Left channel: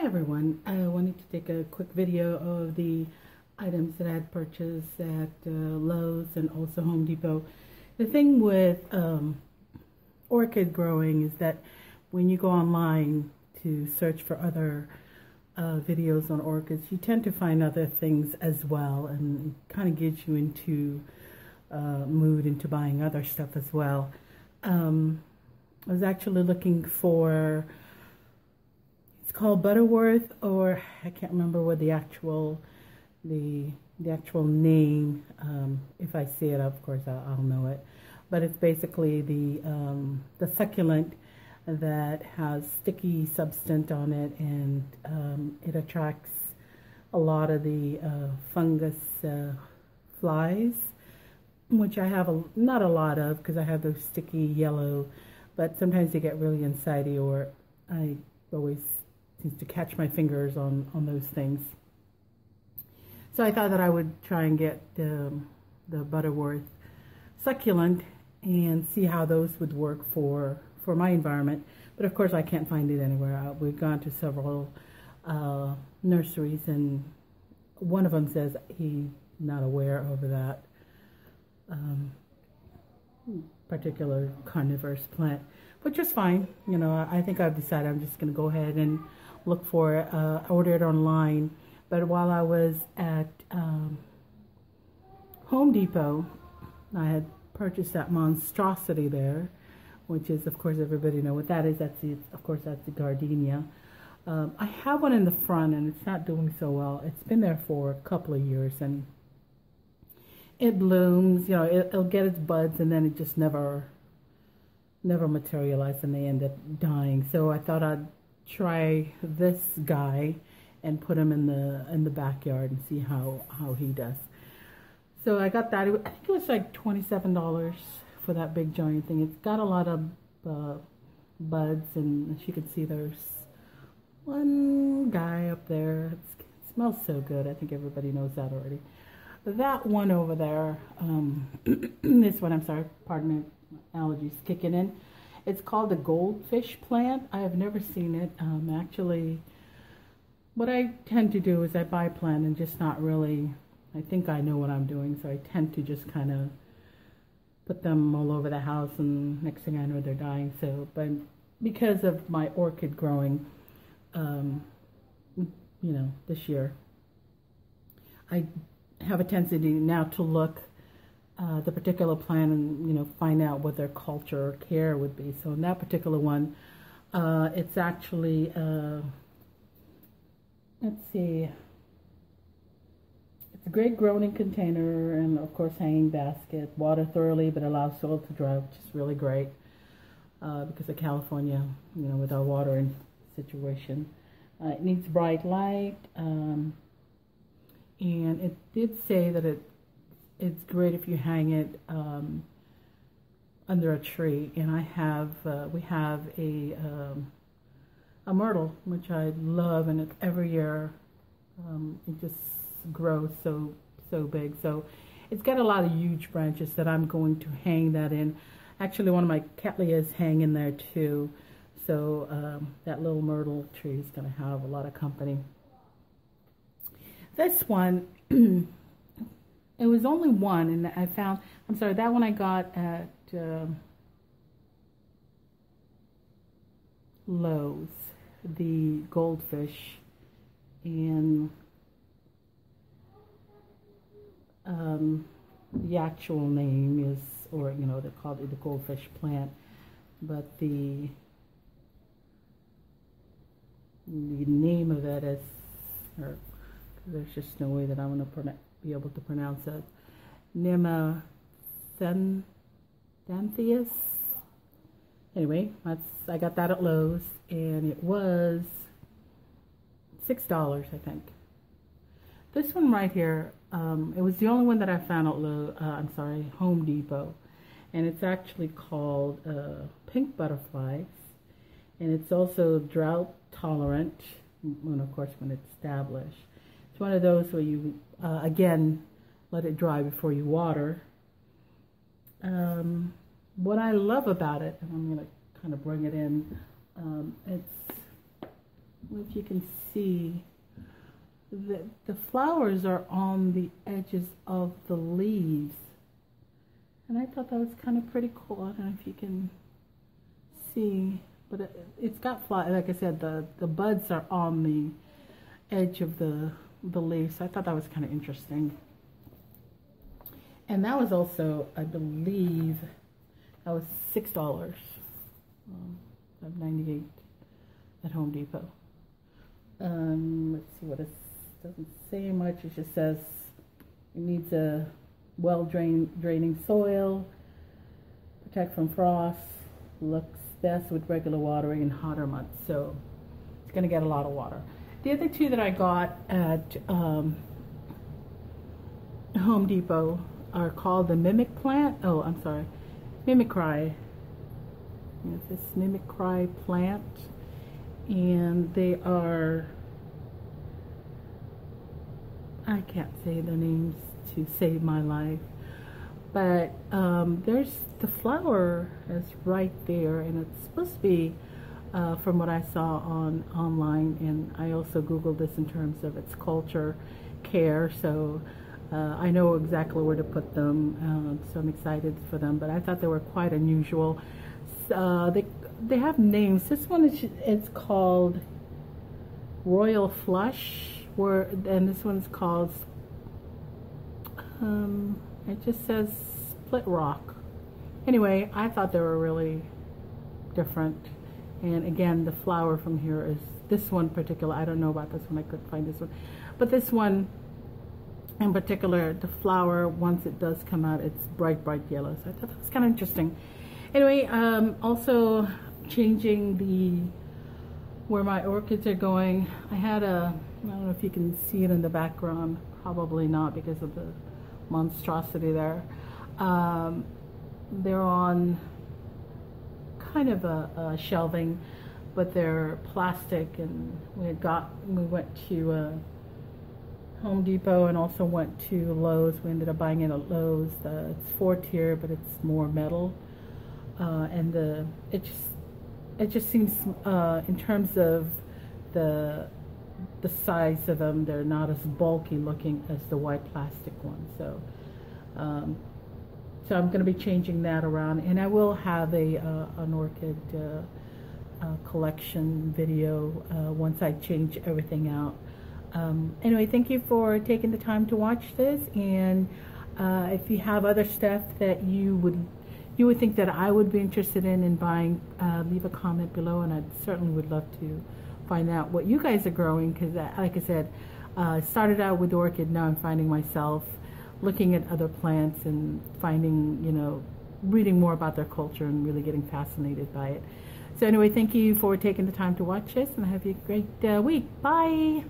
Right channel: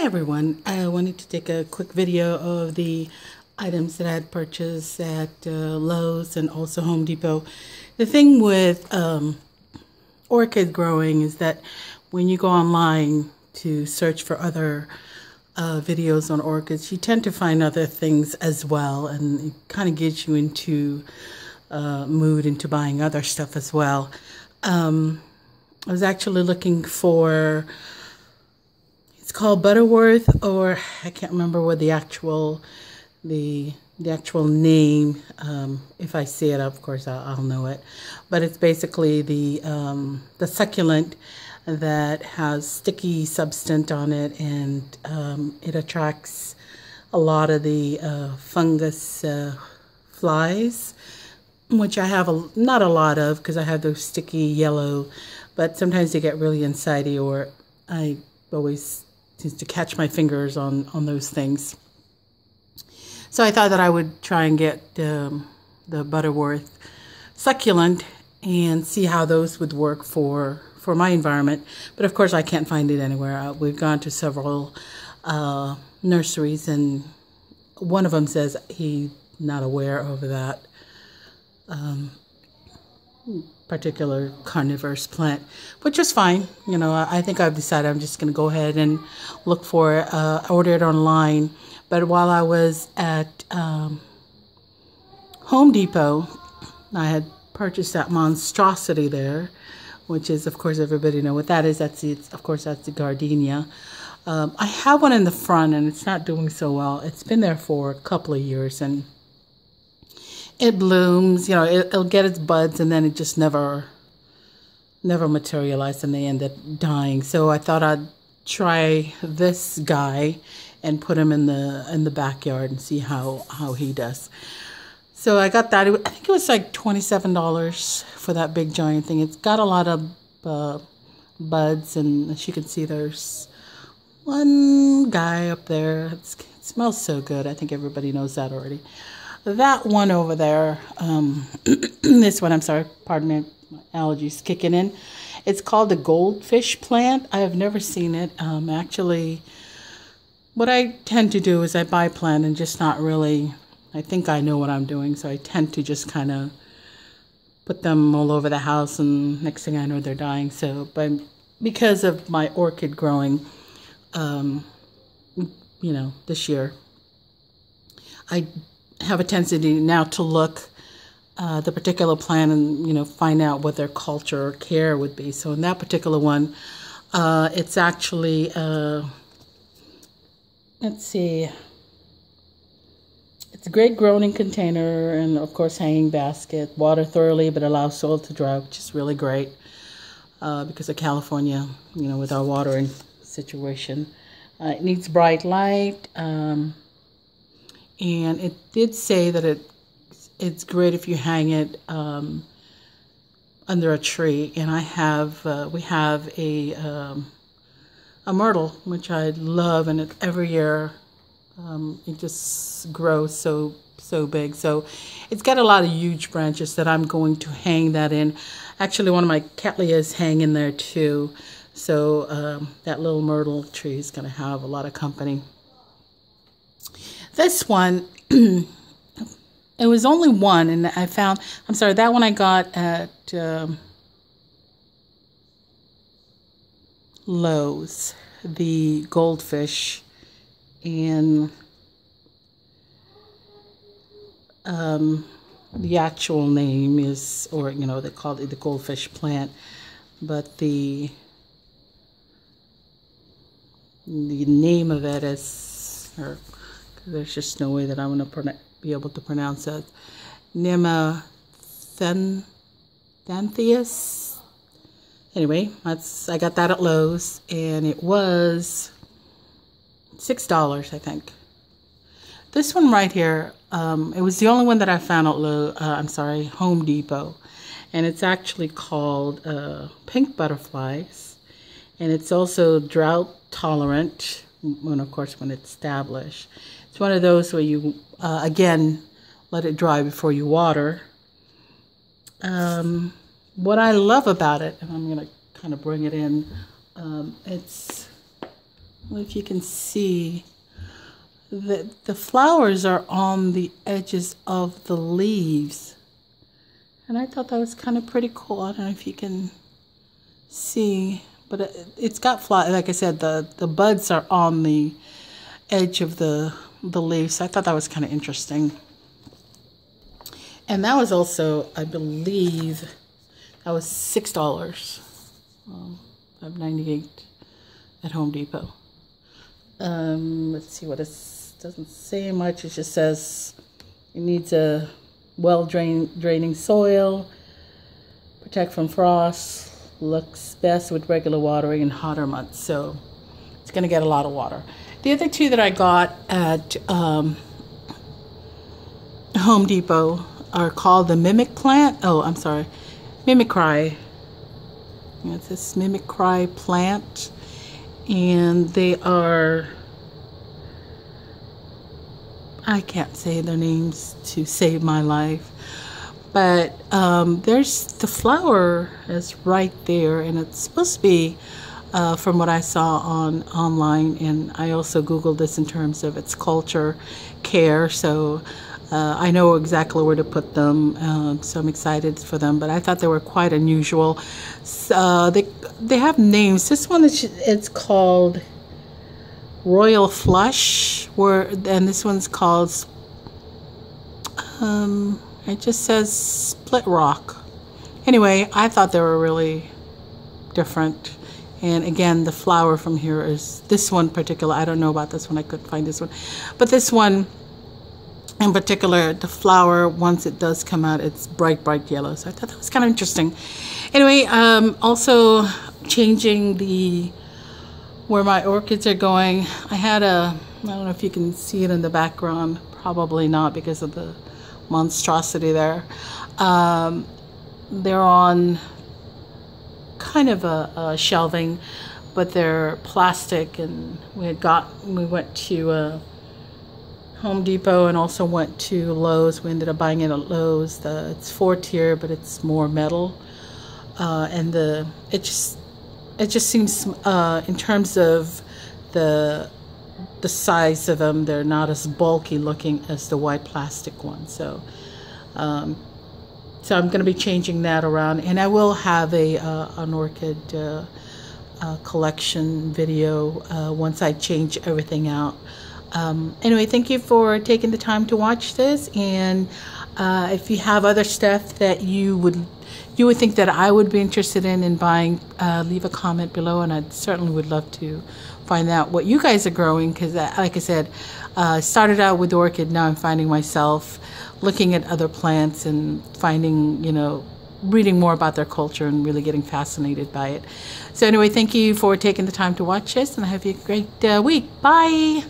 Hi everyone, I wanted to take a quick video of the items that I had purchased at Lowe's and also Home Depot. The thing with orchid growing is that when you go online to search for other videos on orchids, you tend to find other things as well, and it kind of gets you into mood into buying other stuff as well. I was actually looking for, it's called Butterworth, or I can't remember what the actual name. If I see it, of course I'll know it. But it's basically the succulent that has sticky substance on it, and it attracts a lot of the fungus flies, which I have not a lot of because I have those sticky yellow, but sometimes they get really insidey, or I always seems to catch my fingers on those things. So I thought that I would try and get the Butterworth succulent and see how those would work for my environment. But of course I can't find it anywhere. We've gone to several nurseries, and one of them says he's not aware of that particular carnivorous plant, which is fine. You know, I think I've decided I'm just going to go ahead and look for it. I ordered it online, but while I was at Home Depot, I had purchased that monstrosity there, which is, of course, everybody know what that is. That's the gardenia. I have one in the front, and it's not doing so well. It's been there for a couple of years, and it blooms, you know, it'll get its buds, and then it just never materialized, and they end up dying. So I thought I'd try this guy and put him in the backyard and see how he does. So I got that. I think it was like $27 for that big giant thing. It's got a lot of buds, and as you can see, there's one guy up there. It smells so good. I think everybody knows that already. That one over there, this one, I'm sorry, pardon me, my allergies kicking in. It's called the goldfish plant. I have never seen it. Actually, what I tend to do is I buy plant and just not really, I think I know what I'm doing, so I tend to just kind of put them all over the house, and next thing I know, they're dying. So, but because of my orchid growing, you know, this year, I have a tendency now to look the particular plant and, you know, find out what their culture or care would be. So in that particular one, it's actually let's see, it's a great growing container, and of course hanging basket, water thoroughly but allow soil to dry, which is really great because of California, you know, with our watering situation. It needs bright light. And it did say that it's great if you hang it under a tree. And we have a myrtle, which I love, and every year it just grows so big. So it's got a lot of huge branches that I'm going to hang that in. Actually, one of my cattleyas hang in there too. So that little myrtle tree is going to have a lot of company. This one, it was only one, and I found, I'm sorry, that one I got at Lowe's, the goldfish, and the actual name is, or, you know, they call it the goldfish plant, but the name of it is, or there's just no way that I'm going to be able to pronounce it. Nemathanthus. Anyway, I got that at Lowe's, and it was $6, I think. This one right here, it was the only one that I found at Home Depot, and it's actually called pink butterflies, and it's also drought tolerant. When, of course, when it's established. It's one of those where you, again, let it dry before you water. What I love about it, and I'm going to kind of bring it in, it's if you can see, the flowers are on the edges of the leaves. And I thought that was kind of pretty cool. I don't know if you can see, but it's got flowers. Like I said, the buds are on the edge of the leaves. I thought that was kind of interesting. And that was also, I believe, that was $6. $5.98 at Home Depot. Let's see what it doesn't say much. It just says it needs a draining soil, protect from frost, looks best with regular watering in hotter months. So it's going to get a lot of water. The other two that I got at Home Depot are called the Mimic plant. Oh, I'm sorry, Mimicry. It's this Mimicry plant, and they are, I can't say their names to save my life, but there's the flower is right there, and it's supposed to be from what I saw online, and I also Googled this in terms of its culture care, so I know exactly where to put them, so I'm excited for them. But I thought they were quite unusual. They have names. This one it's called Royal Flush, and this one's called it just says Split Rock. Anyway, I thought they were really different. And again, the flower from here is this one particular. I don't know about this one. I couldn't find this one, but this one in particular, the flower, once it does come out, it's bright yellow. So I thought that was kind of interesting. Anyway, also changing where my orchids are going. I had I don't know if you can see it in the background, probably not because of the monstrosity there. They're on kind of a shelving, but they're plastic, and we went to Home Depot and also went to Lowe's. We ended up buying it at Lowe's. It's 4-tier, but it's more metal, and it just seems in terms of the size of them, they're not as bulky looking as the white plastic one. So I'm going to be changing that around, and I will have an orchid collection video once I change everything out. Anyway, thank you for taking the time to watch this, and if you have other stuff that you would think that I would be interested in buying, leave a comment below, and I certainly would love to find out what you guys are growing, because like I said, started out with orchid. Now I'm finding myself looking at other plants and finding, reading more about their culture and really getting fascinated by it. So anyway, thank you for taking the time to watch this, and I hope you have a great week. Bye.